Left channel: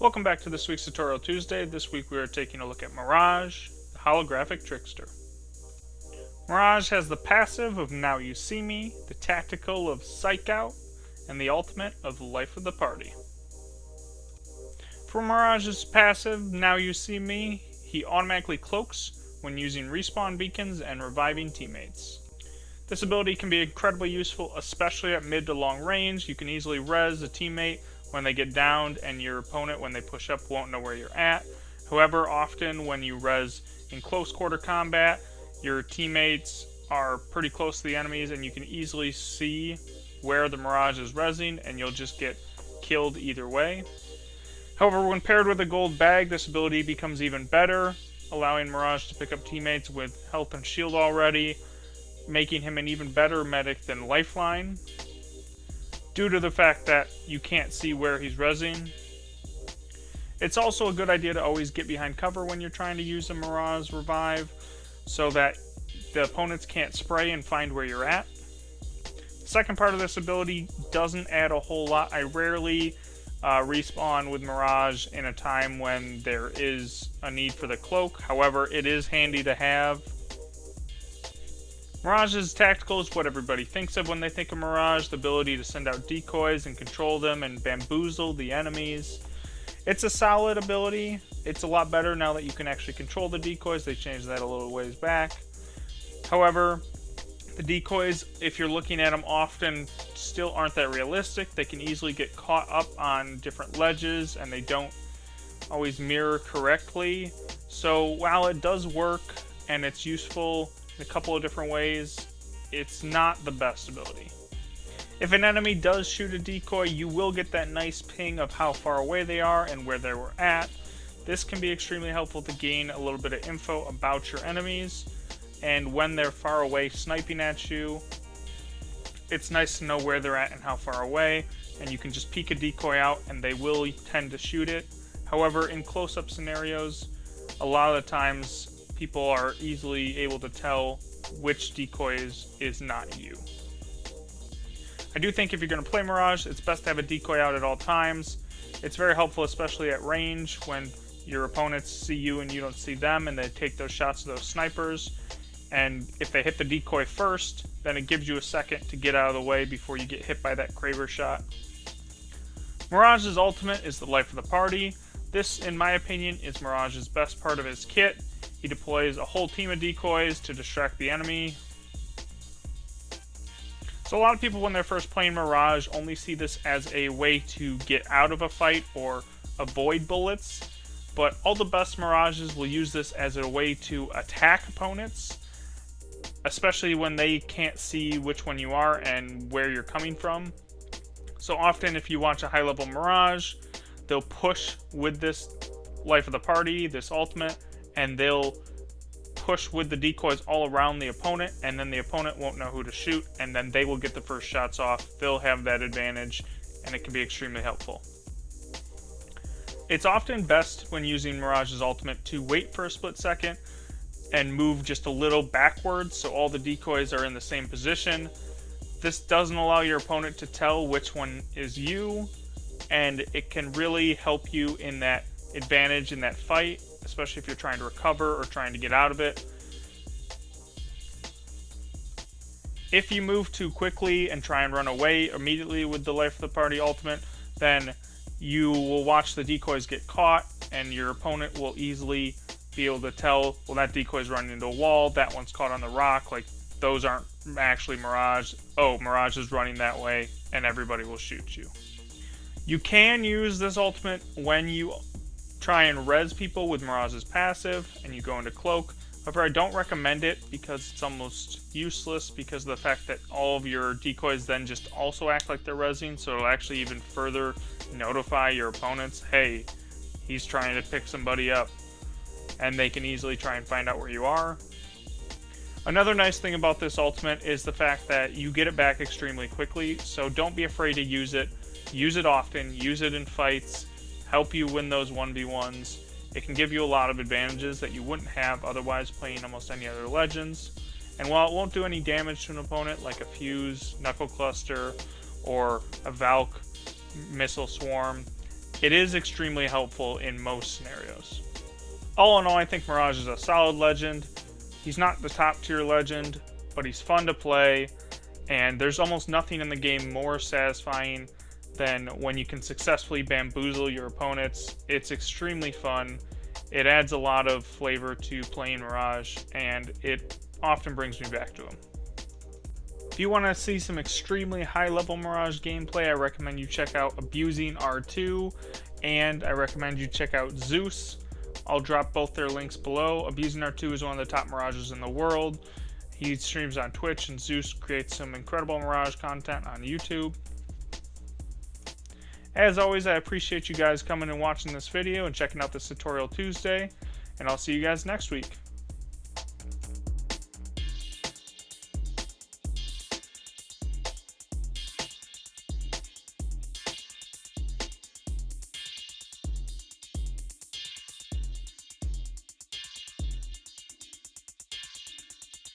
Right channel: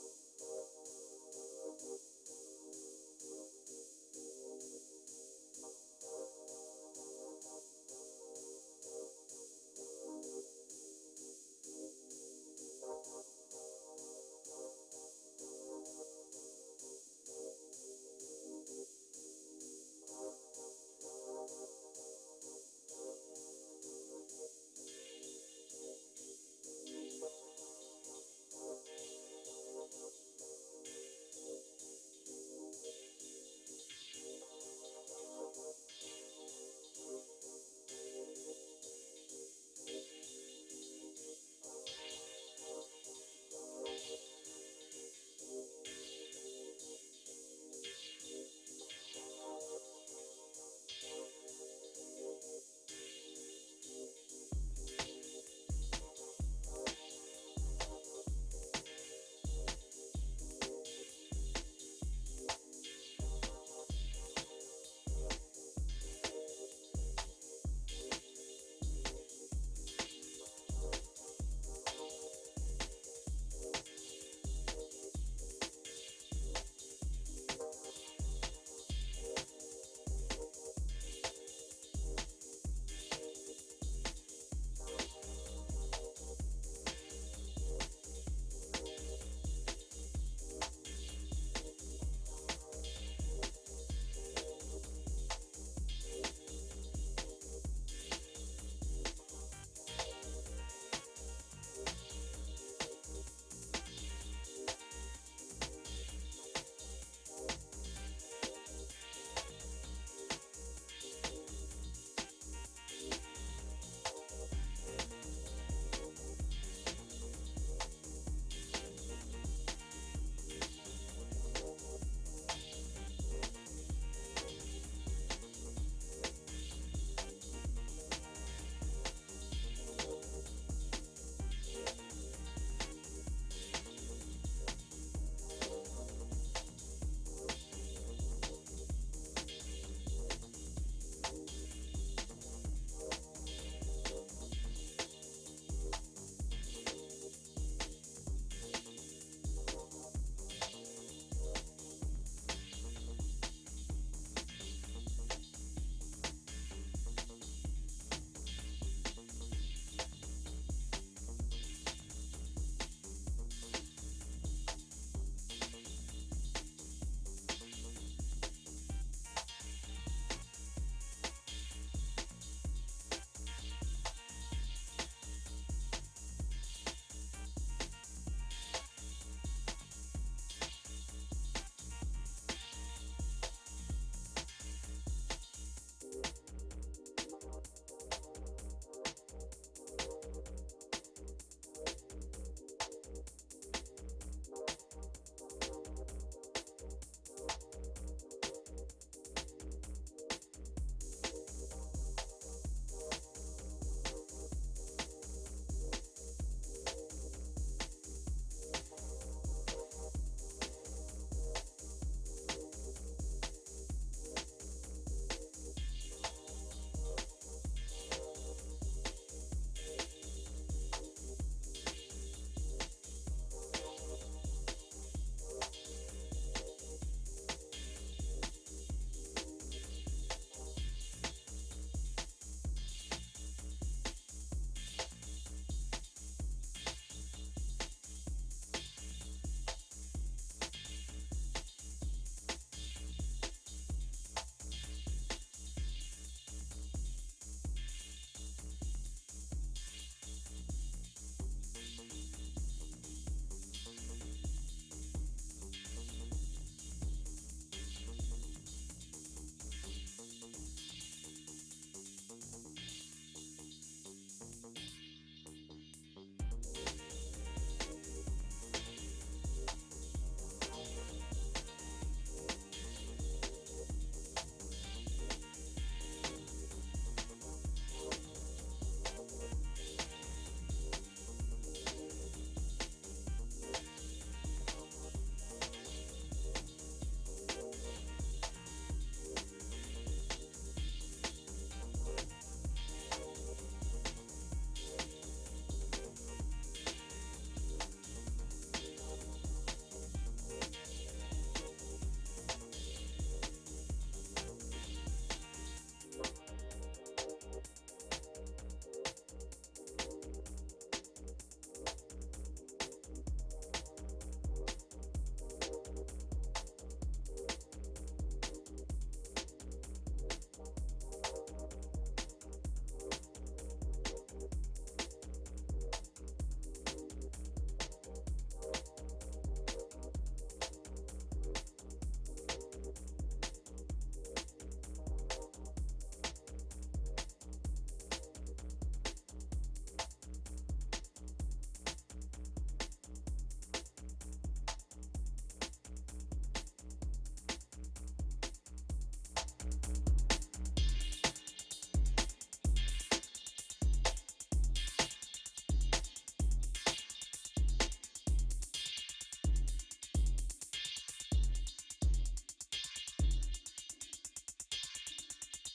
Welcome back to this week's Tutorial Tuesday. This week we are taking a look at Mirage, the holographic trickster. Mirage has the passive of Now You See Me, the tactical of Psych Out, and the ultimate of Life of the Party. For Mirage's passive, Now You See Me, he automatically cloaks when using respawn beacons and reviving teammates. This ability can be incredibly useful, especially at mid to long range. You can easily res a teammate when they get downed, and your opponent, when they push up, won't know where you're at. However, often when you res in close quarter combat, your teammates are pretty close to the enemies, and you can easily see where the Mirage is resing, and you'll just get killed either way. However, when paired with a gold bag, this ability becomes even better, allowing Mirage to pick up teammates with health and shield already, making him an even better medic than Lifeline, due to the fact that you can't see where he's rezzing. It's also a good idea to always get behind cover when you're trying to use a Mirage revive, so that the opponents can't spray and find where you're at. The second part of this ability doesn't add a whole lot. I rarely respawn with Mirage in a time when there is a need for the cloak. However, it is handy to have. Mirage's tactical is what everybody thinks of when they think of Mirage, the ability to send out decoys and control them and bamboozle the enemies. It's a solid ability. It's a lot better now that you can actually control the decoys. They changed that a little ways back. However, the decoys, if you're looking at them often, still aren't that realistic. They can easily get caught up on different ledges, and they don't always mirror correctly. So while it does work and it's useful in a couple of different ways, it's not the best ability. If an enemy does shoot a decoy, you will get that nice ping of how far away they are and where they were at. This can be extremely helpful to gain a little bit of info about your enemies, and when they're far away sniping at you, it's nice to know where they're at and how far away, and you can just peek a decoy out and they will tend to shoot it. However, in close-up scenarios, a lot of the times people are easily able to tell which decoys is not you. I do think if you're going to play Mirage, it's best to have a decoy out at all times. It's very helpful, especially at range, when your opponents see you and you don't see them, and they take those shots to those snipers. And if they hit the decoy first, then it gives you a second to get out of the way before you get hit by that Kraber shot. Mirage's ultimate is the Life of the Party. This, in my opinion, is Mirage's best part of his kit. He deploys a whole team of decoys to distract the enemy. So a lot of people, when they're first playing Mirage, only see this as a way to get out of a fight or avoid bullets. But all the best Mirages will use this as a way to attack opponents, especially when they can't see which one you are and where you're coming from. So often, if you watch a high-level Mirage, they'll push with this Life of the Party, this ultimate, and they'll push with the decoys all around the opponent, and then the opponent won't know who to shoot, and then they will get the first shots off. They'll have that advantage, and it can be extremely helpful. It's often best when using Mirage's ultimate to wait for a split second and move just a little backwards so all the decoys are in the same position. This doesn't allow your opponent to tell which one is you, and it can really help you in that advantage in that fight, especially if you're trying to recover or trying to get out of it. If you move too quickly and try and run away immediately with the Life of the Party ultimate, then you will watch the decoys get caught, and your opponent will easily be able to tell, well, that decoy's running into a wall, that one's caught on the rock, like those aren't actually Mirage. Oh, Mirage is running that way, and everybody will shoot you. You can use this ultimate when you try and res people with Mirage's passive and you go into cloak. However, I don't recommend it because it's almost useless because of the fact that all of your decoys then just also act like they're resing, so it'll actually even further notify your opponents, hey, he's trying to pick somebody up, and they can easily try and find out where you are. Another nice thing about this ultimate is the fact that you get it back extremely quickly, so don't be afraid to use it. Use it often, use it in fights, help you win those 1v1s. It can give you a lot of advantages that you wouldn't have otherwise playing almost any other Legends. And while it won't do any damage to an opponent like a Fuse, Knuckle Cluster, or a Valk Missile Swarm, it is extremely helpful in most scenarios. All in all, I think Mirage is a solid legend. He's not the top tier legend, but he's fun to play, and there's almost nothing in the game more satisfying than when you can successfully bamboozle your opponents. It's extremely fun. It adds a lot of flavor to playing Mirage, and it often brings me back to him. If you want to see some extremely high-level Mirage gameplay, I recommend you check out Abusing R2, and I recommend you check out Zeus. I'll drop both their links below. Abusing R2 is one of the top Mirages in the world. He streams on Twitch, and Zeus creates some incredible Mirage content on YouTube. As always, I appreciate you guys coming and watching this video and checking out this Tutorial Tuesday, and I'll see you guys next week.